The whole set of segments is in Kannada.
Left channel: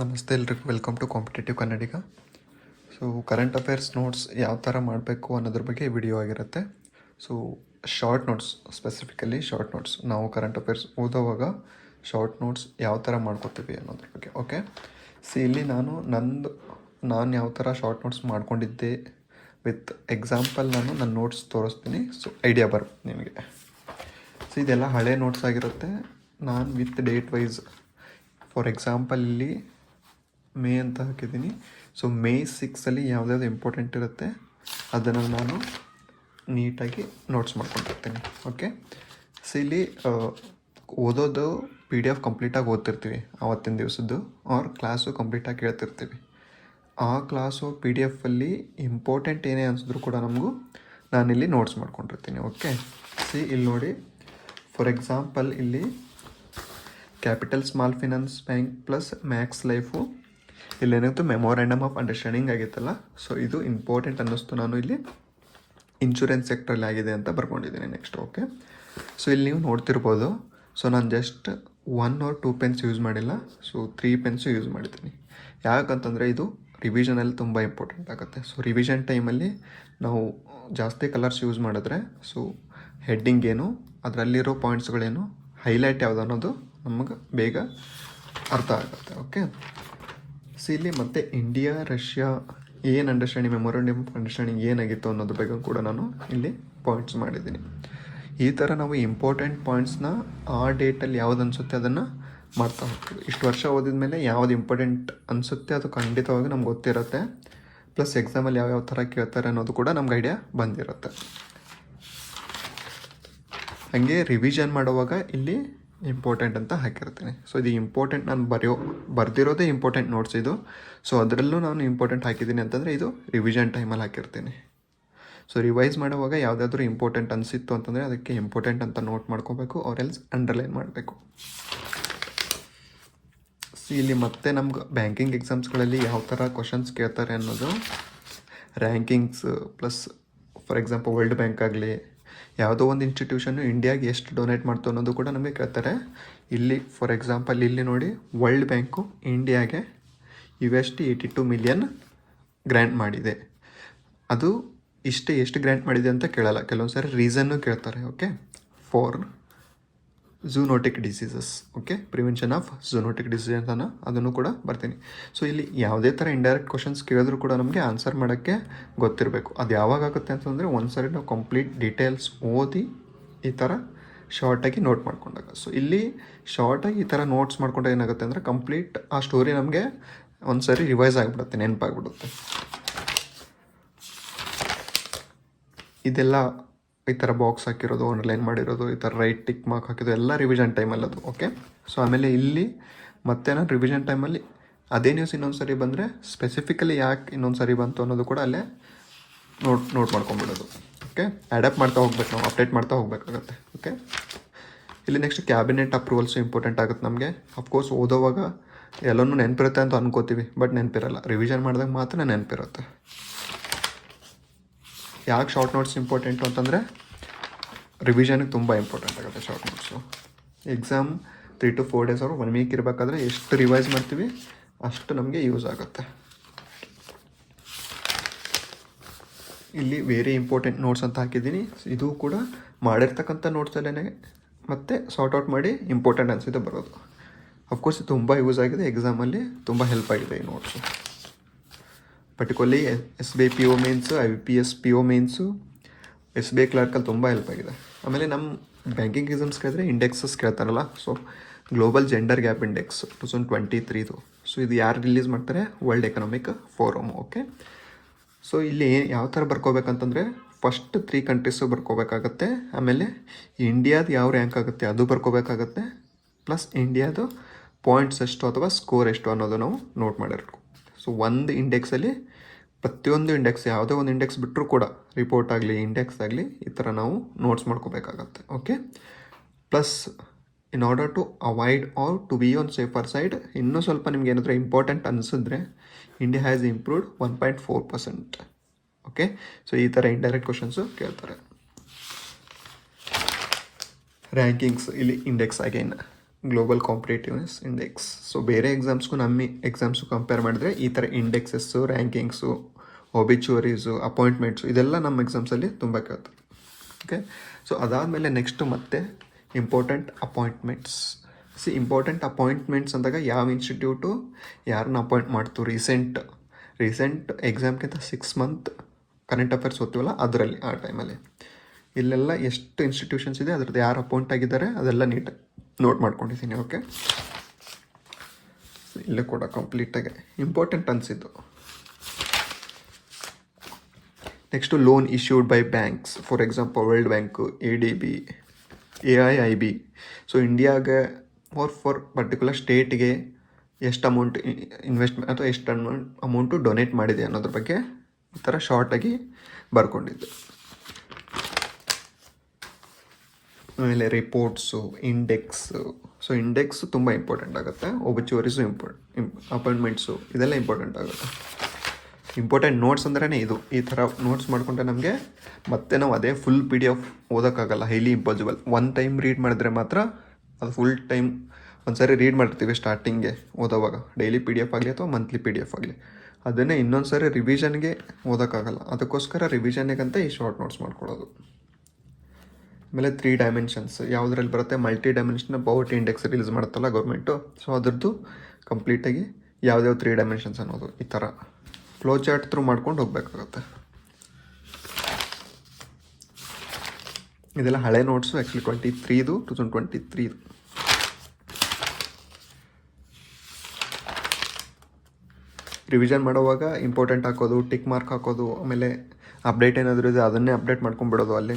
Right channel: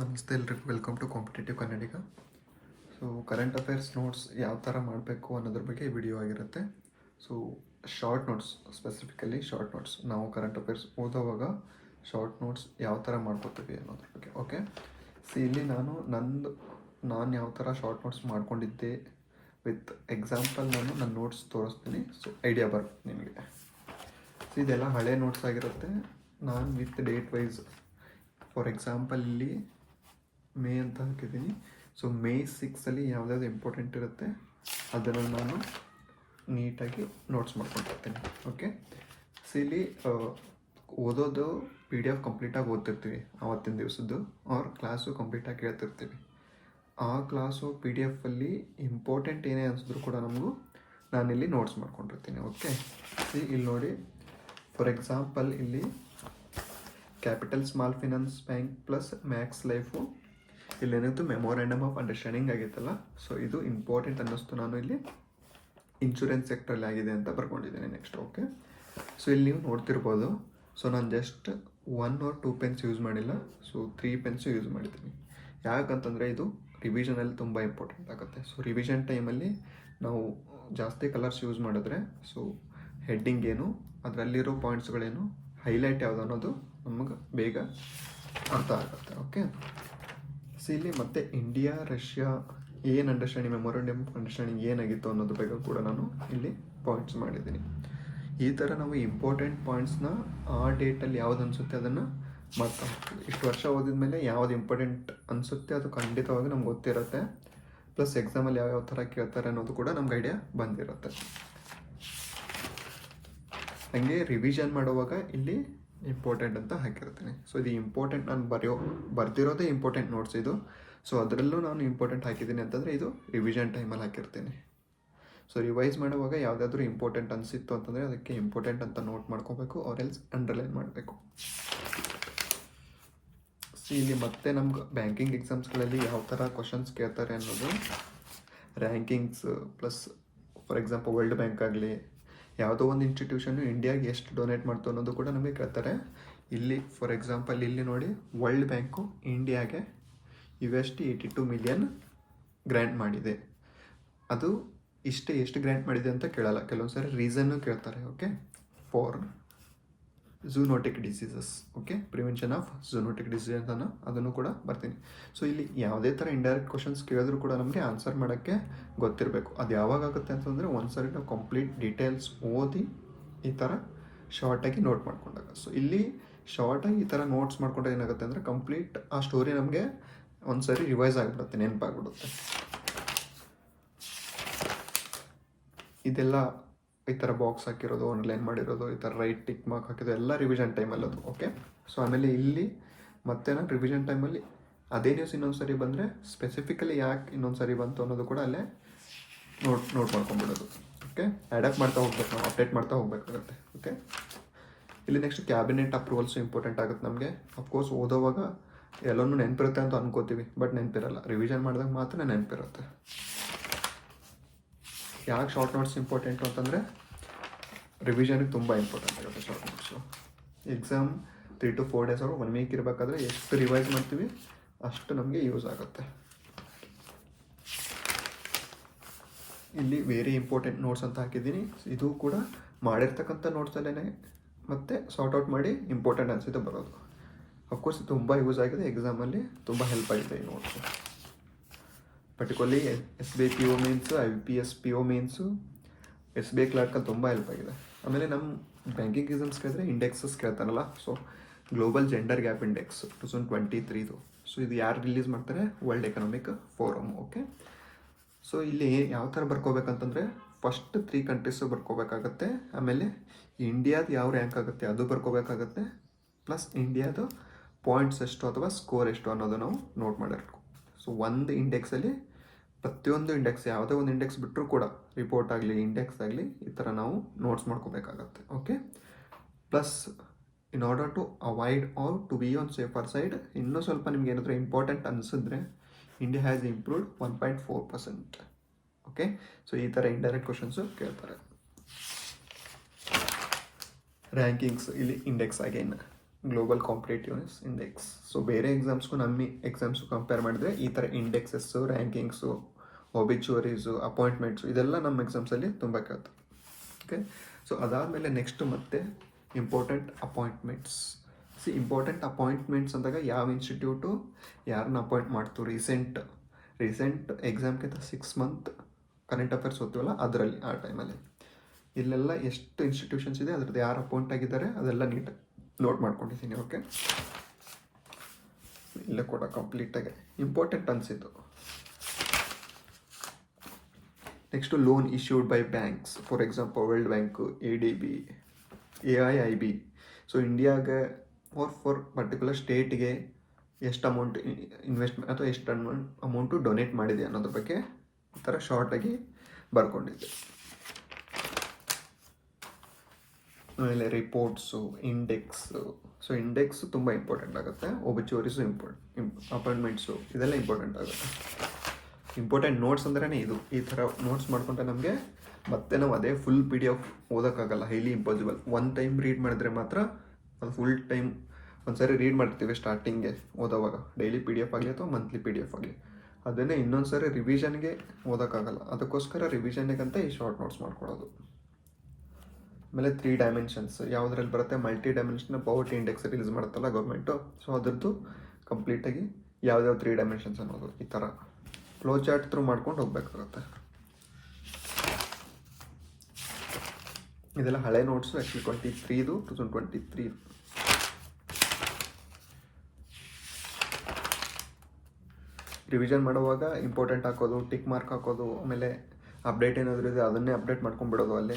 ನಮಸ್ತೆ ಎಲ್ರಿಗೂ, welcome to competitive Kannadiga. So current affairs notes ಯಾವ ಥರ ಮಾಡಬೇಕು ಅನ್ನೋದ್ರ ಬಗ್ಗೆ ವಿಡಿಯೋ ಆಗಿರುತ್ತೆ. So short notes, specifically short notes, ನಾವು ಕರೆಂಟ್ ಅಫೇರ್ಸ್ ಓದೋವಾಗ ಶಾರ್ಟ್ ನೋಟ್ಸ್ ಯಾವ ಥರ ಮಾಡ್ಕೋತೀವಿ ಅನ್ನೋದ್ರ ಬಗ್ಗೆ. ಓಕೆ, ಸೊ ಇಲ್ಲಿ ನಾನು ಯಾವ ಥರ ಶಾರ್ಟ್ ನೋಟ್ಸ್ ಮಾಡ್ಕೊಂಡಿದ್ದೆ ವಿತ್ ಎಕ್ಸಾಂಪಲ್ ನನ್ನ ನೋಟ್ಸ್ ತೋರಿಸ್ತೀನಿ. ಸೊ ಐಡಿಯಾ ಬರುತ್ತೆ ನಿಮಗೆ. ಸೊ ಇದೆಲ್ಲ ಹಳೆ ನೋಟ್ಸ್ ಆಗಿರುತ್ತೆ. ನಾನು with date wise, for example ಇಲ್ಲಿ ಮೇ ಅಂತ ಹಾಕಿದ್ದೀನಿ. ಸೊ ಮೇ 6 ಯಾವುದ್ಯಾವುದು ಇಂಪಾರ್ಟೆಂಟ್ ಇರುತ್ತೆ ಅದನ್ನು ನಾನು ನೀಟಾಗಿ ನೋಟ್ಸ್ ಮಾಡ್ಕೊಂಡಿರ್ತೀನಿ. ಓಕೆ, ಸೊ ಇಲ್ಲಿ ಓದೋದು PDF ಕಂಪ್ಲೀಟಾಗಿ ಓದ್ತಿರ್ತೀವಿ ಆವತ್ತಿನ ದಿವಸದ್ದು, ಆರ್ ಕ್ಲಾಸು ಕಂಪ್ಲೀಟಾಗಿ ಕೇಳ್ತಿರ್ತೀವಿ. ಆ ಕ್ಲಾಸು PDF ಇಂಪಾರ್ಟೆಂಟ್ ಏನೇ ಅನಿಸಿದ್ರು ಕೂಡ ನಮಗೂ ನಾನಿಲ್ಲಿ ನೋಟ್ಸ್ ಮಾಡ್ಕೊಂಡಿರ್ತೀನಿ. ಓಕೆ, ಸಿ ಇಲ್ಲಿ ನೋಡಿ, ಫಾರ್ ಎಕ್ಸಾಂಪಲ್ ಇಲ್ಲಿ capital small finance bank plus max life ಇಲ್ಲೇನಿತ್ತು ಮೆಮೊರಾಂಡಮ್ ಆಫ್ ಅಂಡರ್ಸ್ಟ್ಯಾಂಡಿಂಗ್ ಆಗಿತ್ತಲ್ಲ. ಸೊ ಇದು ಇಂಪಾರ್ಟೆಂಟ್ ಅನ್ನಿಸ್ತು, ನಾನು ಇಲ್ಲಿ ಇನ್ಶೂರೆನ್ಸ್ ಸೆಕ್ಟ್ರಲ್ಲಿ ಆಗಿದೆ ಅಂತ ಬರ್ಕೊಂಡಿದ್ದೀನಿ ನೆಕ್ಸ್ಟ್. ಓಕೆ, ಸೊ ಇಲ್ಲಿ ನೀವು ನೋಡ್ತಿರ್ಬೋದು. ಸೊ ನಾನು ಜಸ್ಟ್ 1 or 2 ಪೆನ್ಸ್ ಯೂಸ್ ಮಾಡಿಲ್ಲ, ಸೊ 3 ಪೆನ್ಸು ಯೂಸ್ ಮಾಡಿದ್ದೀನಿ. ಯಾಕಂತಂದರೆ ಇದು ರಿವಿಷನಲ್ಲಿ ತುಂಬ ಇಂಪಾರ್ಟೆಂಟ್ ಆಗುತ್ತೆ. ಸೊ ರಿವಿಷನ್ ಟೈಮಲ್ಲಿ ನಾವು ಜಾಸ್ತಿ ಕಲರ್ಸ್ ಯೂಸ್ ಮಾಡಿದ್ರೆ ಸೊ ಹೆಡ್ಡಿಂಗ್ ಏನು, ಅದರಲ್ಲಿರೋ ಪಾಯಿಂಟ್ಸ್ಗಳೇನು, ಹೈಲೈಟ್ ಯಾವುದು ಅನ್ನೋದು ನಮಗೆ ಬೇಗ ಅರ್ಥ ಆಗುತ್ತೆ. ಓಕೆ, ಸೊ ಇಲ್ಲಿ ಮತ್ತೆ ಇಂಡಿಯಾ ರಷ್ಯಾ ಏನು ಅಂಡರ್ಸ್ಟ್ಯಾಂಡಿಂಗ್, ಮೆಮೊರಾಂಡಮ್ ಆಫ್ ಅಂಡರ್ಸ್ಟ್ಯಾಂಡಿಂಗ್ ಏನಾಗಿತ್ತು ಅನ್ನೋದ್ರ ಬಗ್ಗೆ ಕೂಡ ನಾನು ಇಲ್ಲಿ ಪಾಯಿಂಟ್ಸ್ ಮಾಡಿದ್ದೀನಿ. ಈ ಥರ ನಾವು ಇಂಪಾರ್ಟೆಂಟ್ ಪಾಯಿಂಟ್ಸ್ನ ಆ ಡೇಟಲ್ಲಿ ಯಾವ್ದು ಅನಿಸುತ್ತೆ ಅದನ್ನು ಮಾಡ್ತಾ ಹೋಗ್ತೀವಿ. ಇಷ್ಟು ವರ್ಷ ಓದಿದ ಮೇಲೆ ಯಾವ್ದು ಇಂಪಾರ್ಟೆಂಟ್ ಅನಿಸುತ್ತೆ ಅದು ಖಂಡಿತವಾಗಿ ನಮ್ಗೆ ಗೊತ್ತಿರುತ್ತೆ. ಪ್ಲಸ್ ಎಕ್ಸಾಮಲ್ಲಿ ಯಾವ್ಯಾವ ಥರ ಕೇಳ್ತಾರೆ ಅನ್ನೋದು ಕೂಡ ನಮ್ಗೆ ಐಡಿಯಾ ಬಂದಿರುತ್ತೆ. ಹಾಗೆ ರಿವಿಷನ್ ಮಾಡುವಾಗ ಇಲ್ಲಿ ಇಂಪಾರ್ಟೆಂಟ್ ಅಂತ ಹಾಕಿರ್ತೀನಿ. ಸೊ ಇದು ಇಂಪಾರ್ಟೆಂಟ್, ನಾನು ಬರ್ದಿರೋದೇ ಇಂಪಾರ್ಟೆಂಟ್ ನೋಟ್ಸ್ ಇದು. ಸೊ ಅದರಲ್ಲೂ ನಾನು ಇಂಪಾರ್ಟೆಂಟ್ ಹಾಕಿದ್ದೀನಿ ಅಂತಂದರೆ ಇದು ರಿವಿಷನ್ ಟೈಮಲ್ಲಿ ಹಾಕಿರ್ತೀನಿ. ಸೊ ರಿವೈಸ್ ಮಾಡುವಾಗ ಯಾವುದಾದ್ರೂ ಇಂಪಾರ್ಟೆಂಟ್ ಅನಿಸಿತ್ತು ಅಂತಂದರೆ ಅದಕ್ಕೆ ಇಂಪಾರ್ಟೆಂಟ್ ಅಂತ ನೋಟ್ ಮಾಡ್ಕೋಬೇಕು, ಆರ್ ಎಲ್ಸ್ ಅಂಡರ್ಲೈನ್ ಮಾಡಬೇಕು. ಸೊ ಇಲ್ಲಿ ಮತ್ತೆ ನಮ್ಗೆ ಬ್ಯಾಂಕಿಂಗ್ ಎಕ್ಸಾಮ್ಸ್ಗಳಲ್ಲಿ ಯಾವ ಥರ ಕ್ವಶನ್ಸ್ ಕೇಳ್ತಾರೆ ಅನ್ನೋದು, rankings plus for example world bank ಆಗಲಿ, ಯಾವುದೋ ಒಂದು ಇನ್ಸ್ಟಿಟ್ಯೂಷನ್ನು ಇಂಡಿಯಾಗೆ ಎಷ್ಟು ಡೊನೇಟ್ ಮಾಡ್ತು ಅನ್ನೋದು ಕೂಡ ನಮಗೆ ಕೇಳ್ತಾರೆ. ಇಲ್ಲಿ ಫಾರ್ ಎಕ್ಸಾಂಪಲ್ ಇಲ್ಲಿ ನೋಡಿ, ವರ್ಲ್ಡ್ ಬ್ಯಾಂಕು ಇಂಡಿಯಾಗೆ $82 ಮಿಲಿಯನ್ ಗ್ರ್ಯಾಂಟ್ ಮಾಡಿದೆ. ಅದು ಎಷ್ಟು ಗ್ರ್ಯಾಂಟ್ ಮಾಡಿದೆ ಅಂತ ಕೇಳಲ್ಲ, ಕೆಲವೊಂದು ಸಾರಿ ರೀಸನ್ನು ಕೇಳ್ತಾರೆ. Okay, for zoonotic diseases, okay, prevention of zoonotic disease ಅನ್ನೋ ಅದನ್ನು ಕೂಡ ಬರ್ತೀನಿ. ಸೊ ಇಲ್ಲಿ ಯಾವುದೇ ಥರ ಇಂಡೈರೆಕ್ಟ್ ಕ್ವಶನ್ಸ್ ಕೇಳಿದ್ರು ಕೂಡ ನಮಗೆ ಆನ್ಸರ್ ಮಾಡೋಕ್ಕೆ ಗೊತ್ತಿರಬೇಕು. ಅದು ಯಾವಾಗ ಆಗುತ್ತೆ ಅಂತಂದರೆ ಒಂದ್ಸರಿ ನಾವು ಕಂಪ್ಲೀಟ್ ಡೀಟೇಲ್ಸ್ ಓದಿ ಈ ಥರ ಶಾರ್ಟಾಗಿ ನೋಟ್ ಮಾಡ್ಕೊಂಡಾಗ. ಸೊ ಇಲ್ಲಿ ಶಾರ್ಟಾಗಿ ಈ ಥರ ನೋಟ್ಸ್ ಮಾಡ್ಕೊಂಡ್ರೆ ಏನಾಗುತ್ತೆ ಅಂದರೆ ಕಂಪ್ಲೀಟ್ ಆ ಸ್ಟೋರಿ ನಮಗೆ ಒಂದ್ಸರಿ ರಿವೈಸ್ ಆಗಿಬಿಡುತ್ತೆ, ನೆನಪಾಗ್ಬಿಡುತ್ತೆ. ಇದೆಲ್ಲ ಈ ಥರ ಬಾಕ್ಸ್ ಹಾಕಿರೋದು, ಆನ್ಲೈನ್ ಮಾಡಿರೋದು, ಈ ಥರ ರೈಟ್ ಟಿಕ್ ಮಾರ್ಕ್ ಹಾಕಿದ್ದು ಎಲ್ಲ ರಿವಿಷನ್ ಟೈಮಲ್ಲಿ ಅದು. ಓಕೆ, ಸೊ ಆಮೇಲೆ ಇಲ್ಲಿ ಮತ್ತೆ ನಾನು ರಿವಿಷನ್ ಟೈಮಲ್ಲಿ ಅದೇ ನ್ಯೂಸ್ ಇನ್ನೊಂದು ಸರಿ ಬಂದರೆ ಸ್ಪೆಸಿಫಿಕಲಿ ಯಾಕೆ ಇನ್ನೊಂದು ಸರಿ ಬಂತು ಅನ್ನೋದು ಕೂಡ ಅಲ್ಲೇ ನೋಟ್ ಮಾಡ್ಕೊಂಡ್ಬಿಡೋದು. ಓಕೆ, ಅಡ್ಯಾಪ್ಟ್ ಮಾಡ್ತಾ ಹೋಗ್ಬೇಕು, ನಾವು ಅಪ್ಡೇಟ್ ಮಾಡ್ತಾ ಹೋಗಬೇಕಾಗತ್ತೆ. ಓಕೆ, ಇಲ್ಲಿ ನೆಕ್ಸ್ಟ್ ಕ್ಯಾಬಿನೆಟ್ ಅಪ್ರೂವಲ್ಸು ಇಂಪಾರ್ಟೆಂಟ್ ಆಗುತ್ತೆ ನಮಗೆ. ಅಫ್ಕೋರ್ಸ್ ಓದೋವಾಗ ಎಲ್ಲನೂ ನೆನಪಿರುತ್ತೆ ಅಂತ ಅನ್ಕೋತೀವಿ, ಬಟ್ ನೆನಪಿರಲ್ಲ. ರಿವಿಷನ್ ಮಾಡಿದಾಗ ಮಾತ್ರ ನೆನಪಿರುತ್ತೆ. ಯಾಕೆ ಶಾರ್ಟ್ ನೋಟ್ಸ್ ಇಂಪಾರ್ಟೆಂಟು ಅಂತಂದರೆ ರಿವಿಷನ್ಗೆ ತುಂಬ ಇಂಪಾರ್ಟೆಂಟ್ ಆಗುತ್ತೆ short notes. Exam 3 to 4 days ಅವರು 1 ವೀಕ್ ಇರಬೇಕಾದ್ರೆ ಎಷ್ಟು ರಿವೈಸ್ ಮಾಡ್ತೀವಿ ಅಷ್ಟು ನಮಗೆ ಯೂಸ್ ಆಗುತ್ತೆ. ಇಲ್ಲಿ ವೆರಿ ಇಂಪಾರ್ಟೆಂಟ್ ನೋಟ್ಸ್ ಅಂತ ಹಾಕಿದ್ದೀನಿ. ಇದು ಕೂಡ ಮಾಡಿರ್ತಕ್ಕಂಥ ನೋಟ್ಸಲ್ಲೇ ಮತ್ತೆ ಸಾರ್ಟ್ ಔಟ್ ಮಾಡಿ ಇಂಪಾರ್ಟೆಂಟ್ ಅನಿಸಿದೆ ಬರೋದು. ಅಫ್ಕೋರ್ಸ್ ತುಂಬ ಯೂಸ್ ಆಗಿದೆ, ಎಕ್ಸಾಮಲ್ಲಿ ತುಂಬ ಹೆಲ್ಪ್ ಆಗಿದೆ ಈ notes. Particularly SBI PO mains, IBPS PO mains, SBI ಕ್ಲರ್ಕಲ್ಲಿ ತುಂಬ ಹೆಲ್ಪ್ ಆಗಿದೆ. ಆಮೇಲೆ ನಮ್ಮ ಬ್ಯಾಂಕಿಂಗ್ ಎಕ್ಸಾಮ್ಸ್ ಕೇಳಿದ್ರೆ ಇಂಡೆಕ್ಸಸ್ ಕೇಳ್ತಾರಲ್ಲ. So global gender gap index 2023. So ಇದು ಯಾರು ರಿಲೀಸ್ ಮಾಡ್ತಾರೆ? World economic forum. Okay, so ಇಲ್ಲಿ ಯಾವ ಥರ ಬರ್ಕೋಬೇಕಂತಂದರೆ ಫಸ್ಟ್ 3 ಕಂಟ್ರೀಸು ಬರ್ಕೋಬೇಕಾಗತ್ತೆ. ಆಮೇಲೆ ಇಂಡಿಯಾದ ಯಾವ ರ್ಯಾಂಕ್ ಆಗುತ್ತೆ ಅದು ಬರ್ಕೋಬೇಕಾಗತ್ತೆ. ಪ್ಲಸ್ ಇಂಡಿಯಾದು ಪಾಯಿಂಟ್ಸ್ ಎಷ್ಟು ಅಥವಾ ಸ್ಕೋರ್ ಎಷ್ಟು ಅನ್ನೋದು ನಾವು ನೋಟ್ ಮಾಡಿರ್ಬೇಕು. ಸೊ ಒಂದು ಇಂಡೆಕ್ಸಲ್ಲಿ ಪ್ರತಿಯೊಂದು ಇಂಡೆಕ್ಸ್, ಯಾವುದೇ ಒಂದು ಇಂಡೆಕ್ಸ್ ಬಿಟ್ಟರೂ ಕೂಡ ರಿಪೋರ್ಟ್ ಆಗಲಿ ಇಂಡೆಕ್ಸ್ ಆಗಲಿ ಈ ಥರ ನಾವು ನೋಟ್ಸ್ ಮಾಡ್ಕೋಬೇಕಾಗತ್ತೆ. Okay, plus in order to avoid or to be on safer side, ಇನ್ನೂ ಸ್ವಲ್ಪ ನಿಮ್ಗೆ ಏನಾದರೂ ಇಂಪಾರ್ಟೆಂಟ್ ಅನಿಸಿದ್ರೆ India has improved 1.4%. Okay, so ಈ ಥರ ಇಂಡೈರೆಕ್ಟ್ ಕ್ವಶನ್ಸು ಕೇಳ್ತಾರೆ. ರ್ಯಾಂಕಿಂಗ್ಸ್ ಇಲ್ಲಿ index again global competitiveness index. So ಬೇರೆ ಎಕ್ಸಾಮ್ಸ್ಗೂ ನಮ್ಮ ಎಕ್ಸಾಮ್ಸು ಕಂಪೇರ್ ಮಾಡಿದ್ರೆ ಈ ಥರ ಇಂಡೆಕ್ಸಸ್ಸು, ರ್ಯಾಂಕಿಂಗ್ಸು, ಒಬಿಚುವರೀಸು, ಅಪಾಯಿಂಟ್ಮೆಂಟ್ಸು ಇದೆಲ್ಲ ನಮ್ಮ ಎಕ್ಸಾಮ್ಸಲ್ಲಿ ತುಂಬ ಕೇಳ್ತಾರೆ. ಓಕೆ, ಸೊ ಅದಾದಮೇಲೆ ನೆಕ್ಸ್ಟು ಮತ್ತೆ ಇಂಪಾರ್ಟೆಂಟ್ ಅಪಾಯಿಂಟ್ಮೆಂಟ್ಸ್. ಇಂಪಾರ್ಟೆಂಟ್ ಅಪಾಯಿಂಟ್ಮೆಂಟ್ಸ್ ಅಂದಾಗ ಯಾವ ಇನ್ಸ್ಟಿಟ್ಯೂಟು ಯಾರನ್ನ ಅಪಾಯಿಂಟ್ ಮಾಡ್ತು ರೀಸೆಂಟ್ ಎಕ್ಸಾಮ್ಗಿಂತ 6 ಮಂತ್ ಕರೆಂಟ್ ಅಫೇರ್ಸ್ ಓದ್ತೀವಲ್ಲ ಅದರಲ್ಲಿ, ಆ ಟೈಮಲ್ಲಿ ಇಲ್ಲೆಲ್ಲ ಎಷ್ಟು ಇನ್ಸ್ಟಿಟ್ಯೂಷನ್ಸ್ ಇದೆ ಅದ್ರದ್ದು ಯಾರು ಅಪಾಯಿಂಟ್ ಆಗಿದ್ದಾರೆ ಅದೆಲ್ಲ ನೀಟಾಗಿ ನೋಟ್ ಮಾಡ್ಕೊಂಡಿದ್ದೀನಿ. ಓಕೆ, ಇಲ್ಲೇ ಕೂಡ ಕಂಪ್ಲೀಟಾಗಿ ಇಂಪಾರ್ಟೆಂಟ್ ಅನಿಸಿದ್ದು. Next loan issued by banks, for example world bank, ADB, AIIB. So ಇಂಡಿಯಾಗೆ ಫಾರ್ ಪರ್ಟಿಕ್ಯುಲರ್ ಸ್ಟೇಟಿಗೆ ಎಷ್ಟು ಅಮೌಂಟ್ ಇನ್ವೆಸ್ಟ್ಮೆಂಟ್ ಅಥವಾ ಎಷ್ಟು ಅಮೌಂಟು ಡೊನೇಟ್ ಮಾಡಿದೆ ಅನ್ನೋದ್ರ ಬಗ್ಗೆ ಈ ಥರ ಶಾರ್ಟಾಗಿ ಬರ್ಕೊಂಡಿದ್ದೆ. ಆಮೇಲೆ ರಿಪೋರ್ಟ್ಸು, ಇಂಡೆಕ್ಸು. ಸೊ ಇಂಡೆಕ್ಸು ತುಂಬ ಇಂಪಾರ್ಟೆಂಟ್ ಆಗುತ್ತೆ. ಒಬಿಚುವರೀಸು ಅಪಾಯಿಂಟ್ಮೆಂಟ್ಸು ಇದೆಲ್ಲ ಇಂಪಾರ್ಟೆಂಟ್ ಆಗುತ್ತೆ. ಇಂಪಾರ್ಟೆಂಟ್ ನೋಟ್ಸ್ ಅಂದ್ರೇ ಇದು. ಈ ಥರ ನೋಟ್ಸ್ ಮಾಡಿಕೊಂಡ್ರೆ ನಮಗೆ ಮತ್ತೆ ನಾವು ಅದೇ ಫುಲ್ PDF ಓದೋಕ್ಕಾಗಲ್ಲ, highly impossible. One time read ಮಾಡಿದ್ರೆ ಮಾತ್ರ ಅದು ಫುಲ್ ಟೈಮ್ ಒಂದು ಸಾರಿ ರೀಡ್ ಮಾಡ್ತೀವಿ ಸ್ಟಾರ್ಟಿಂಗ್ಗೆ ಓದೋವಾಗ, ಡೈಲಿ PDF ಆಗಲಿ ಅಥವಾ ಮಂತ್ಲಿ PDF ಆಗಲಿ. ಅದನ್ನೇ ಇನ್ನೊಂದು ಸಾರಿ ರಿವಿಷನ್ಗೆ ಓದೋಕ್ಕಾಗಲ್ಲ. ಅದಕ್ಕೋಸ್ಕರ ರಿವಿಷನ್ಗಂತ ಈ ಶಾರ್ಟ್ ನೋಟ್ಸ್ ಮಾಡ್ಕೊಳ್ಳೋದು. ಆಮೇಲೆ 3 ಡೈಮೆನ್ಷನ್ಸ್ ಯಾವುದ್ರಲ್ಲಿ ಬರುತ್ತೆ, multi dimensional poverty index release ಮಾಡುತ್ತಲ್ಲ ಗೌರ್ಮೆಂಟು. ಸೊ ಅದ್ರದ್ದು ಕಂಪ್ಲೀಟಾಗಿ ಯಾವುದ್ಯಾವ 3 ಡೈಮೆನ್ಷನ್ಸ್ ಅನ್ನೋದು ಈ ಥರ ಫ್ಲೋ ಚಾರ್ಟ್ ಥ್ರೂ ಮಾಡ್ಕೊಂಡು ಹೋಗಬೇಕಾಗುತ್ತೆ. ಇದೆಲ್ಲ ಹಳೆ ನೋಟ್ಸು, ಆ್ಯಕ್ಚುಲಿ 2023 ರಿವಿಷನ್ ಮಾಡೋವಾಗ ಇಂಪಾರ್ಟೆಂಟ್ ಹಾಕೋದು, ಟಿಕ್ ಮಾರ್ಕ್ ಹಾಕೋದು, ಆಮೇಲೆ ಅಪ್ಡೇಟ್ ಏನಾದರೂ ಇದೆ ಅದನ್ನೇ ಅಪ್ಡೇಟ್ ಮಾಡ್ಕೊಂಡ್ಬಿಡೋದು ಅಲ್ಲೇ.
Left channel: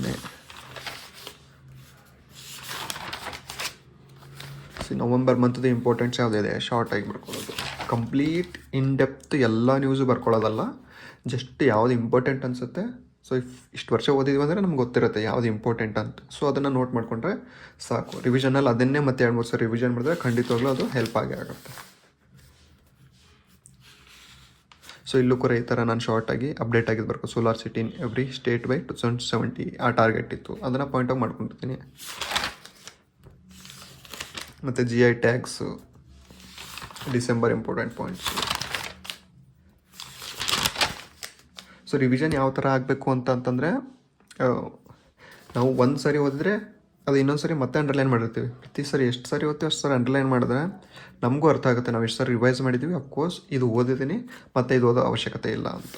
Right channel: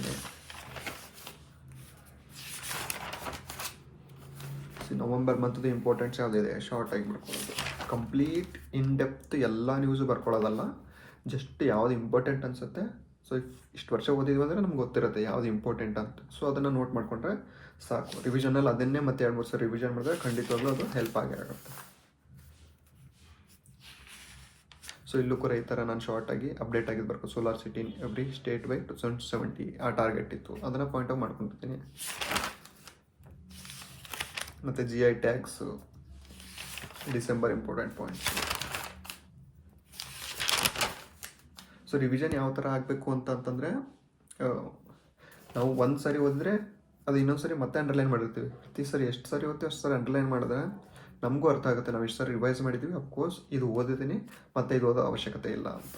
ನವಂಬರ್ ಮಂತ್ದು ಇಂಪಾರ್ಟೆಂಟ್ಸ್ ಯಾವುದಿದೆ ಶಾರ್ಟಾಗಿ ಬರ್ಕೊಳ್ಳೋದು. ಕಂಪ್ಲೀಟ್ ಇನ್ ಡೆಪ್ತ್ ಎಲ್ಲ ನ್ಯೂಸು ಬರ್ಕೊಳ್ಳೋದಲ್ಲ, ಜಸ್ಟ್ ಯಾವುದು ಇಂಪಾರ್ಟೆಂಟ್ ಅನಿಸುತ್ತೆ. ಸೊ ಇಷ್ಟು ವರ್ಷ ಓದಿದ್ವಿ ಅಂದರೆ ನಮ್ಗೆ ಗೊತ್ತಿರುತ್ತೆ ಯಾವುದು ಇಂಪಾರ್ಟೆಂಟ್ ಅಂತ. ಸೊ ಅದನ್ನು ನೋಟ್ ಮಾಡಿಕೊಂಡ್ರೆ ಸಾಕು. ರಿವಿಷನಲ್ಲಿ ಅದನ್ನೇ ಮತ್ತೆ 2-3 ಸಲ ರಿವಿಷನ್ ಮಾಡಿದ್ರೆ ಖಂಡಿತವಾಗ್ಲೂ ಅದು ಹೆಲ್ಪ್ ಆಗೇ ಆಗುತ್ತೆ. ಸೊ ಇಲ್ಲೂ ಕೂಡ ಈ ಥರ ನಾನು ಶಾರ್ಟಾಗಿ ಅಪ್ಡೇಟ್ ಆಗಿದ್ದು ಬರ್ಕೊ. Solar city in every state by 2070 ಆ ಟಾರ್ಗೆಟ್ ಇತ್ತು, ಅದನ್ನು ಪಾಯಿಂಟ್ ಔಟ್ ಮಾಡ್ಕೊಂಡಿರ್ತೀನಿ. ಮತ್ತು GI tax, December important points. So revision ಯಾವ ಥರ ಆಗಬೇಕು ಅಂತಂದರೆ, ನಾವು ಒಂದು ಸಾರಿ ಓದಿದ್ರೆ ಅದು ಇನ್ನೊಂದು ಸರಿ ಮತ್ತೆ ಅಂಡರ್ಲೈನ್ ಮಾಡಿರ್ತೀವಿ. ಪ್ರತಿ ಸರಿ ಎಷ್ಟು ಸಾರಿ ಓದ್ತೀವಿ ಅಷ್ಟು ಸಾರಿ ಅಂಡರ್ಲೈನ್ ಮಾಡಿದ್ರೆ ನಮಗೂ ಅರ್ಥ ಆಗುತ್ತೆ ನಾವು ಎಷ್ಟು ಸಾರಿ ರಿವೈಸ್ ಮಾಡಿದ್ದೀವಿ. ಅಫ್ಕೋರ್ಸ್ ಇದು ಓದಿದ್ದೀನಿ ಮತ್ತು ಇದು ಓದೋ ಅವಶ್ಯಕತೆ ಇಲ್ಲ ಅಂತ.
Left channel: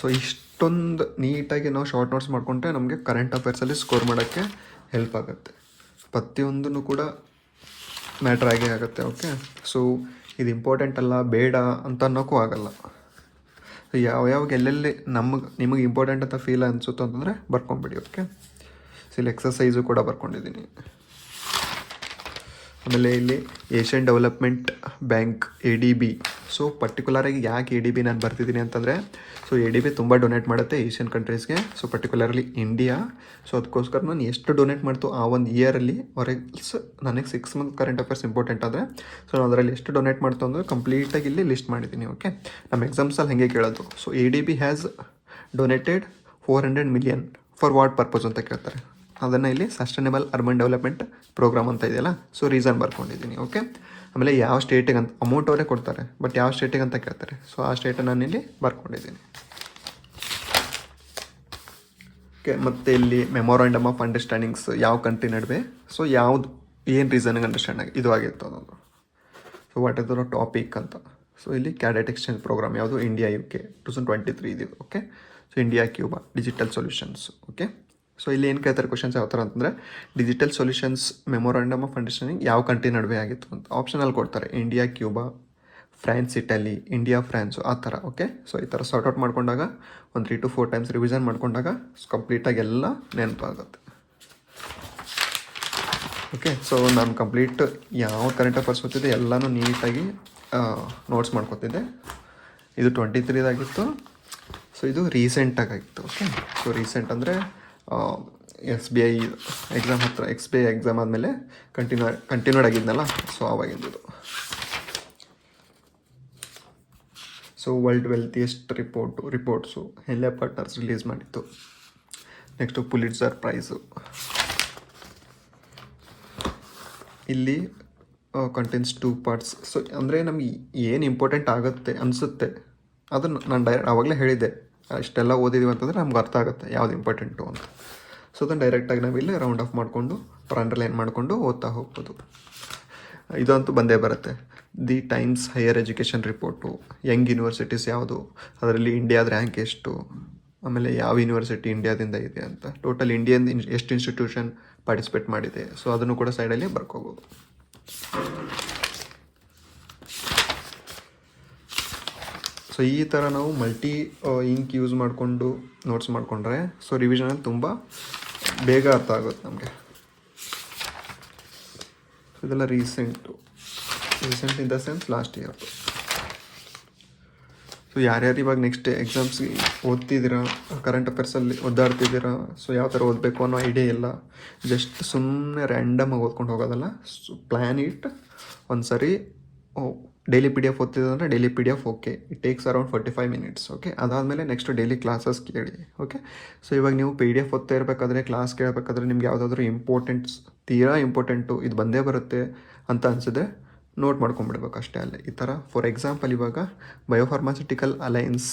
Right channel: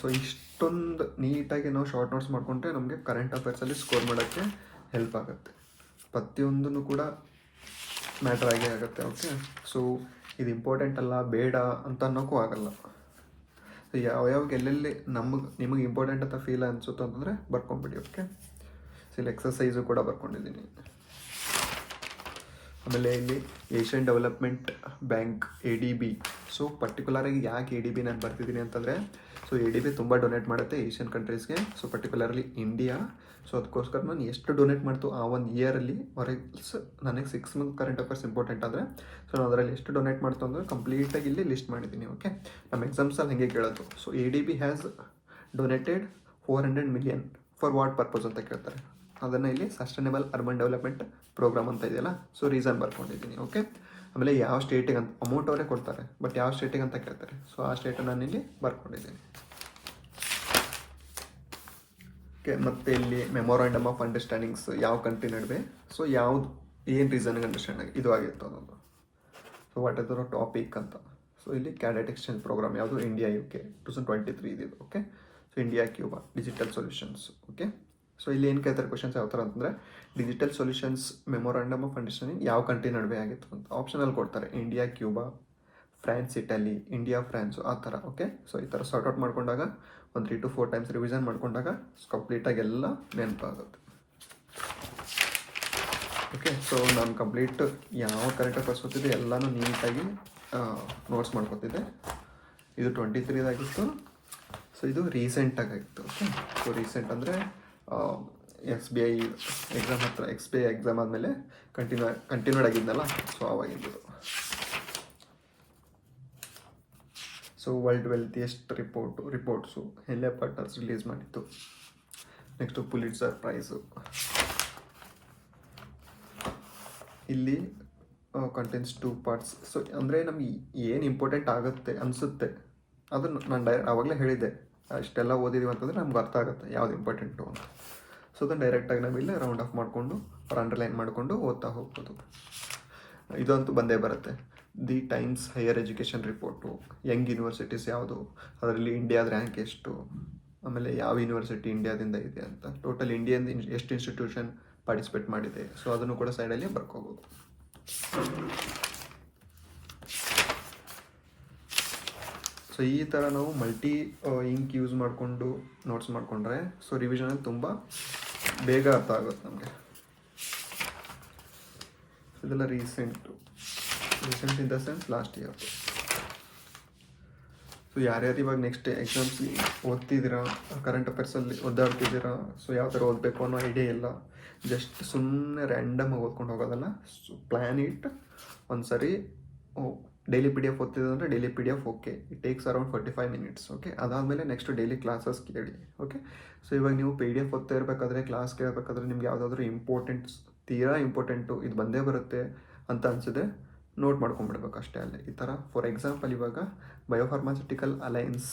ಸೊ ಇಷ್ಟೊಂದು ನೀಟಾಗಿ ನಾವು ಶಾರ್ಟ್ ನೋಟ್ಸ್ ಮಾಡಿಕೊಂಡ್ರೆ ನಮಗೆ ಕರೆಂಟ್ ಅಫೇರ್ಸಲ್ಲಿ ಸ್ಕೋರ್ ಮಾಡೋಕ್ಕೆ ಹೆಲ್ಪ್ ಆಗುತ್ತೆ. ಪ್ರತಿಯೊಂದೂ ಕೂಡ ಮ್ಯಾಟ್ರ್ ಆಗೇ ಆಗುತ್ತೆ. ಓಕೆ, ಸೊ ಇದು ಇಂಪಾರ್ಟೆಂಟ್ ಅಲ್ಲ ಬೇಡ ಅಂತ ಅನ್ನೋಕ್ಕೂ ಆಗಲ್ಲ. ಸೊ ಯಾವ್ಯಾವಾಗ ಎಲ್ಲೆಲ್ಲಿ ನಿಮಗೆ ಇಂಪಾರ್ಟೆಂಟ್ ಅಂತ ಫೀಲ್ ಅನಿಸುತ್ತೋ ಅಂತಂದರೆ ಬರ್ಕೊಂಬಿಡಿ. ಓಕೆ, ಸೊ ಇಲ್ಲಿ ಎಕ್ಸಸೈಸು ಕೂಡ ಬರ್ಕೊಂಡಿದ್ದೀನಿ. ಆಮೇಲೆ ಇಲ್ಲಿ Asian development bank ADB. So ಪರ್ಟಿಕ್ಯುಲರಾಗಿ ಯಾಕೆ ADB ನಾನು ಬರ್ತಿದ್ದೀನಿ ಅಂತಂದರೆ, ಸೊ ADB ತುಂಬ ಡೊನೇಟ್ ಮಾಡುತ್ತೆ ಏಷ್ಯನ್ ಕಂಟ್ರೀಸ್ಗೆ, ಸೊ ಪರ್ಟಿಕ್ಯುಲರ್ಲಿ ಇಂಡಿಯಾ. ಸೊ ಅದಕ್ಕೋಸ್ಕರ ನಾನು ಎಷ್ಟು ಡೊನೇಟ್ ಮಾಡ್ತು ಆ ಒಂದು ಇಯರಲ್ಲಿ ನನಗೆ 6 ಮಂತ್ ಕರೆಂಟ್ ಅಫೇರ್ಸ್ ಇಂಪಾರ್ಟೆಂಟ್ ಅಂದರೆ, ಸೊ ನಾನು ಅದರಲ್ಲಿ ಎಷ್ಟು ಡೊನೇಟ್ ಮಾಡ್ತು ಅಂದರೆ ಕಂಪ್ಲೀಟಾಗಿ ಇಲ್ಲಿ ಲಿಸ್ಟ್ ಮಾಡಿದ್ದೀನಿ. ಓಕೆ, ನಮ್ಮ ಎಕ್ಸಾಮ್ಸಲ್ಲಿ ಹಾಗೆ ಕೇಳೋದು. So ADB has donated 400 million for what purpose ಅಂತ ಕೇಳ್ತಾರೆ. ಅದನ್ನು ಇಲ್ಲಿ ಸಸ್ಟೈನಬಲ್ ಅರ್ಬನ್ ಡೆವಲಪ್ಮೆಂಟ್ ಪ್ರೋಗ್ರಾಮ್ ಅಂತ ಇದೆಯಲ್ಲ, ಸೊ ರೀಸನ್ ಬರ್ಕೊಂಡಿದ್ದೀನಿ. ಓಕೆ, ಆಮೇಲೆ ಯಾವ ಸ್ಟೇಟಿಗೆ ಅಂತ ಅಮೌಂಟ್ ಅವರೇ ಕೊಡ್ತಾರೆ, ಬಟ್ ಯಾವ ಸ್ಟೇಟಿಗೆ ಅಂತ ಕೇಳ್ತಾರೆ. ಸೊ ಆ ಸ್ಟೇಟನ್ನು ನಾನು ಇಲ್ಲಿ ಬರ್ಕೊಂಡಿದ್ದೀನಿ. ಓಕೆ, ಮತ್ತು ಇಲ್ಲಿ ಮೆಮೊರಾಂಡಮ್ ಆಫ್ ಅಂಡರ್ಸ್ಟ್ಯಾಂಡಿಂಗ್ಸ್ ಯಾವ ಕಂಟ್ರಿ ನಡುವೆ, ಸೊ ಯಾವುದು ಏನು ರೀಸನ್ಗೆ ಅಂಡರ್ಸ್ಟ್ಯಾಂಡ್ ಆಗಿ ಇದು ಆಗಿತ್ತು ಅನ್ನೋದು. So what is the topic ಅಂತ. ಸೊ ಇಲ್ಲಿ ಕ್ಯಾಡೆಟ್ ಎಕ್ಸ್ಚೇಂಜ್ ಪ್ರೋಗ್ರಾಮ್ ಯಾವುದು, ಇಂಡಿಯಾ UK 2023 ಇದು. Okay, so India Cuba digital solutions. Okay, so ಇಲ್ಲಿ ಏನು ಕೇಳ್ತಾರೆ ಕ್ವಶನ್ಸ್ ಯಾವ ಥರ ಅಂತಂದರೆ, digital solutions memorandum of understanding ಯಾವ ಕಂಟ್ರಿ ನಡುವೆ ಆಗಿತ್ತು ಅಂತ ಆಪ್ಷನಲ್ಲಿ ಕೊಡ್ತಾರೆ. India Cuba, France Italy, India prawns ಆ ಥರ. ಓಕೆ, ಸೊ ಈ ಥರ ಸಾರ್ಟ್ ಔಟ್ ಮಾಡ್ಕೊಂಡಾಗ ಒಂದು 3 to 4 ಟೈಮ್ಸ್ ರಿವಿಷನ್ ಮಾಡ್ಕೊಂಡಾಗ ಕಂಪ್ಲೀಟಾಗಿ ಎಲ್ಲ ನೆನಪಾಗುತ್ತೆ. ಓಕೆ, ಸೊ ನಾನು ಕಂಪ್ಲೀಟ್ ಯಾವ ಕರೆಂಟ್ ಅಫೇರ್ಸ್ ಓದ್ತಿದ್ದೆ ಎಲ್ಲನೂ ನೀಟಾಗಿ ನೋಟ್ಸ್ ಮಾಡ್ಕೊತಿದ್ದೆ. ಇದು 23 ಸೊ ಇದು ರೀಸೆಂಟಾಗಿತ್ತು. ಓಕೆ, ಸೊ ರೀಸೆಂಟ್ ಅಂದರೆ SBI ಎಕ್ಸಾಮ್ ಹತ್ರ, SBI ಎಕ್ಸಾಮ್ ಆದಮೇಲೆ ಕಂಟಿನ್ಯೂಡ್ ಆಗಿದ್ನಲ್ಲ, ಸೊ ಆವಾಗಿದ್ದು. So world wealthiest reports Henley partners release ಮಾಡಿತ್ತು. Next Pulitzer prize. ಇಲ್ಲಿ ಕಂಟೆಂಟ್ಸ್ 2 ಪಾರ್ಟ್ಸ್. ಸೊ ಅಂದರೆ ನಮಗೆ ಏನು ಇಂಪಾರ್ಟೆಂಟ್ ಆಗುತ್ತೆ ಅನಿಸುತ್ತೆ ಅದನ್ನು ನಾನು ಆವಾಗಲೇ ಹೇಳಿದ್ದೆ, ಅಷ್ಟೆಲ್ಲ ಓದಿದ್ದೀವಿ ಅಂತಂದರೆ ನಮ್ಗೆ ಅರ್ಥ ಆಗುತ್ತೆ ಯಾವ್ದು ಇಂಪಾರ್ಟೆಂಟು ಅಂತ. ಸೊ ಅದನ್ನು ಡೈರೆಕ್ಟಾಗಿ ನಾವಿಲ್ಲಿ ರೌಂಡ್ ಆಫ್ ಮಾಡಿಕೊಂಡು ಅಂಡರ್ಲೈನ್ ಮಾಡಿಕೊಂಡು ಓದ್ತಾ ಹೋಗ್ಬೋದು. ಇದಂತೂ ಬಂದೇ ಬರುತ್ತೆ. The times higher education report, Young universities ಯಾವುದು, ಅದರಲ್ಲಿ ಇಂಡಿಯಾದ ರ್ಯಾಂಕ್ ಎಷ್ಟು, ಆಮೇಲೆ ಯಾವ ಯೂನಿವರ್ಸಿಟಿ ಇಂಡಿಯಾದಿಂದ ಇದೆ ಅಂತ, ಟೋಟಲ್ ಇಂಡಿಯನ್ ಎಷ್ಟು ಇನ್ಸ್ಟಿಟ್ಯೂಷನ್ ಪಾರ್ಟಿಸಿಪೇಟ್ ಮಾಡಿದೆ. ಸೊ ಅದನ್ನು ಕೂಡ ಸೈಡಲ್ಲಿ ಬರ್ಕೋಬೋದು. ಸೊ ಈ ಥರ ನಾವು ಮಲ್ಟಿ ಇಂಕ್ ಯೂಸ್ ಮಾಡಿಕೊಂಡು ನೋಟ್ಸ್ ಮಾಡಿಕೊಂಡ್ರೆ ಸೊ ರಿವಿಷನಲ್ಲಿ ತುಂಬ ಬೇಗ ಅರ್ಥ ಆಗುತ್ತೆ ನಮಗೆ. ಇದೆಲ್ಲ recent in the sense last year. So ಯಾರ್ಯಾರು ಇವಾಗ ನೆಕ್ಸ್ಟ್ ಎಕ್ಸಾಮ್ಸ್ಗೆ ಓದ್ತಿದ್ದೀರಾ, ಕರೆಂಟ್ ಅಫೇರ್ಸಲ್ಲಿ ಓದಾಡ್ತಿದ್ದೀರಾ, ಸೊ ಯಾವ ಥರ ಓದಬೇಕು ಅನ್ನೋ ಐಡಿಯಾ ಇಲ್ಲ, ಜಸ್ಟ್ ಸುಮ್ಮನೆ ರ್ಯಾಂಡಮಾಗಿ ಓದ್ಕೊಂಡು ಹೋಗೋದಲ್ಲ. ಸೊ ಪ್ಲ್ಯಾನ್ ಇಟ್ ಒಂದು ಸರಿ. ಡೈಲಿ ಪಿ ಡಿ ಎಫ್ ಓದ್ತಿದ್ದೆ ಅಂದರೆ daily P D F okay, it takes around 45 minutes. Okay, ಅದಾದಮೇಲೆ ನೆಕ್ಸ್ಟ್ ಡೈಲಿ ಕ್ಲಾಸಸ್ ಕೇಳಿ. ಓಕೆ, ಸೊ ಇವಾಗ ನೀವು ಪಿ ಡಿ ಎಫ್ ಓದ್ತಾ ಇರಬೇಕಾದ್ರೆ, ಕ್ಲಾಸ್ ಕೇಳಬೇಕಾದ್ರೆ ನಿಮ್ಗೆ ಯಾವುದಾದ್ರೂ ತೀರಾ ಇಂಪಾರ್ಟೆಂಟು ಇದು ಬಂದೇ ಬರುತ್ತೆ ಅಂತ ಅನಿಸಿದ್ರೆ ನೋಟ್ ಮಾಡ್ಕೊಂಡ್ಬಿಡ್ಬೇಕು ಅಷ್ಟೇ ಅಲ್ಲೇ. ಈ ಥರ ಫಾರ್ ಎಕ್ಸಾಂಪಲ್ ಇವಾಗ ಬಯೋಫಾರ್ಮಾಸ್ಯೂಟಿಕಲ್ ಅಲೈನ್ಸ್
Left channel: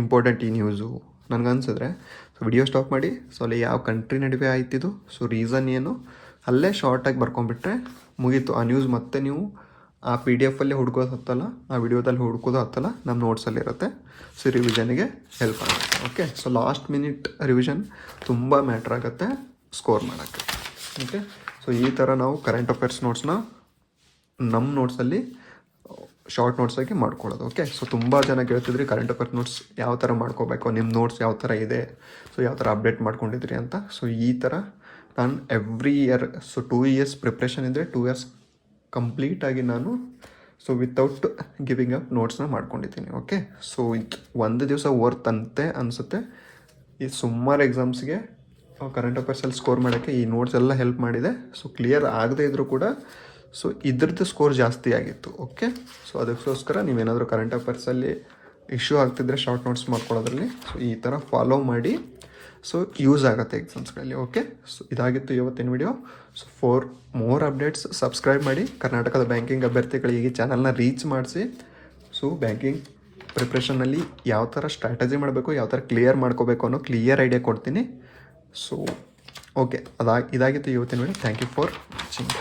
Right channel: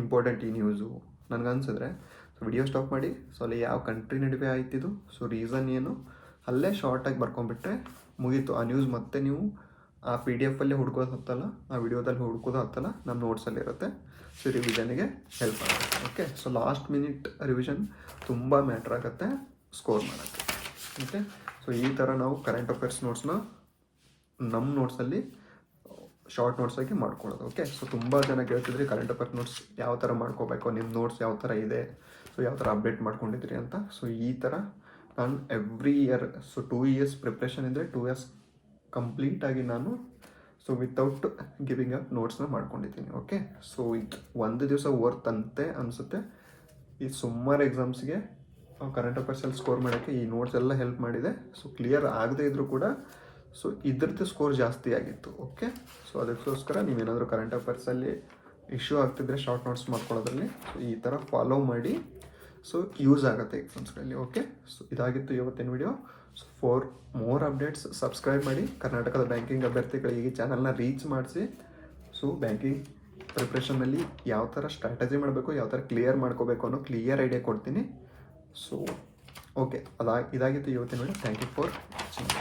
ಇಂಪಾರ್ಟೆಂಟ್ ಈ ನ್ಯೂಸು ನನಗನ್ಸಿದ್ರೆ ಸೊ ವಿಡಿಯೋ ಸ್ಟಾಪ್ ಮಾಡಿ, ಸೊ ಅಲ್ಲಿ ಯಾವ ಕಂಟ್ರಿ ನಡುವೆ ಆಯ್ತಿದ್ದು, ಸೊ ರೀಸನ್ ಏನು, ಅಲ್ಲೇ ಶಾರ್ಟಾಗಿ ಬರ್ಕೊಂಡ್ಬಿಟ್ರೆ ಮುಗೀತು ಆ ನ್ಯೂಸ್. ಮತ್ತೆ ನೀವು ಆ ಪಿ ಡಿ ಎಫಲ್ಲೇ ಹುಡ್ಕೋದು ಹತ್ತಲ್ಲ, ಆ ವಿಡಿಯೋದಲ್ಲಿ ಹುಡ್ಕೋದು ಹತ್ತಲ್ಲ, ನಮ್ಮ ನೋಟ್ಸಲ್ಲಿರುತ್ತೆ. ಸೊ ರಿವಿಷನ್ಗೆ ಹೆಲ್ಪ್ ಆಗುತ್ತೆ. Okay, so last minute revision ತುಂಬ ಮ್ಯಾಟ್ರ್ ಆಗುತ್ತೆ ಸ್ಕೋರ್ ಮಾಡೋಕ್ಕೆ. ಓಕೆ, ಸೊ ಈ ಥರ ನಾವು ಕರೆಂಟ್ ಅಫೇರ್ಸ್ ನೋಟ್ಸ್ನ ನಮ್ಮ ನೋಟ್ಸಲ್ಲಿ ಶಾರ್ಟ್ ನೋಟ್ಸಾಗಿ ಮಾಡ್ಕೊಳ್ಳೋದು. ಓಕೆ, ಸೊ ತುಂಬ ಜನ ಕೇಳ್ತಿದ್ರಿ ಕರೆಂಟ್ ಅಫೇರ್ಸ್ ನೋಟ್ಸ್ ಯಾವ ಥರ ಮಾಡ್ಕೋಬೇಕು, ನಿಮ್ಮ ನೋಟ್ಸ್ ಯಾವ ಥರ ಇದೆ, ಸೊ ಯಾವ ಥರ ಅಪ್ಡೇಟ್ ಮಾಡ್ಕೊಂಡಿದ್ರಿ ಅಂತ. ಸೊ ಈ ಥರ ನಾನು every year, so 2 years preparation ಇದ್ದರೆ 2 ಇಯರ್ಸ್ ಕಂಪ್ಲೀಟಾಗಿ ನಾನು ಸೊ ವಿತೌಟ್ ಗಿವಿಂಗ್ ಅಪ್ ನೋಟ್ಸ್ನ ಮಾಡ್ಕೊಂಡಿದ್ದೀನಿ. ಓಕೆ, ಸೊ ಇದು ಒಂದು ದಿವಸ ವರ್ತ್ ಅಂತೆ ಅನಿಸುತ್ತೆ. ಈ ಸುಮಾರು ಎಕ್ಸಾಮ್ಸ್ಗೆ ಕರೆಂಟ್ ಅಫೇರ್ಸಲ್ಲಿ ಸ್ಕೋರ್ ಮಾಡೋಕ್ಕೆ ಈ ನೋಟ್ಸ್ ಎಲ್ಲ ಹೆಲ್ಪ್ ಮಾಡಿದೆ. ಸೊ ಕ್ಲಿಯರ್ ಆಗದೇ ಇದ್ದರೂ ಕೂಡ ಸೊ ಇದ್ರದ್ದು ಸ್ಕೋರ್ ಜಾಸ್ತಿ ಆಗಿತ್ತು. ಓಕೆ, ಸೊ ಅದಕ್ಕೋಸ್ಕರ ನೀವೇನಾದರೂ ಕರೆಂಟ್ ಅಫೇರ್ಸಲ್ಲಿ ಇಶ್ಯೂ ಆಗ್ತಿದ್ರೆ ಶಾರ್ಟ್ ನೋಟ್ಸ್ ಮಾಡ್ಕೊಳ್ಳೋದ್ರಲ್ಲಿ ಸೊ ಈ ಥರ ಫಾಲೋ ಮಾಡಿ, ಸೊ ಯೂಸ್ ಆಗುತ್ತೆ ಎಕ್ಸಾಮ್ಸ್ಗಳಲ್ಲಿ. ಓಕೆ, ಸೊ ಇದಾಗಿತ್ತು ಇವತ್ತಿನ video. So for more updates subscribe ಮಾಡಿ. ಕರ್ನಾಟಕದ ಬ್ಯಾಂಕಿಂಗ್ ಅಭ್ಯರ್ಥಿಗಳಿಗೆ ಈ ಚಾನಲ್ನ ರೀಚ್ ಮಾಡಿಸಿ. ಸೊ ಬ್ಯಾಂಕಿಂಗ್ ಪ್ರಿಪ್ರೇಷನ್ನಲ್ಲಿ ಯಾವ ಥರ ಸ್ಟ್ರಾಟಜಿ ಮಾಡಬೇಕು, ಯಾವ ಥರ ಕ್ಲಿಯರ್ ಮಾಡ್ಕೋಬೇಕು ಅನ್ನೋ ಕ್ಲಿಯರ್ ಐಡಿಯಾ ಕೊಡ್ತೀನಿ. ಸೊ ಓಕೆ, ಇದಾಗಿತ್ತು ಇವತ್ತಿನ video. Thank you for watching.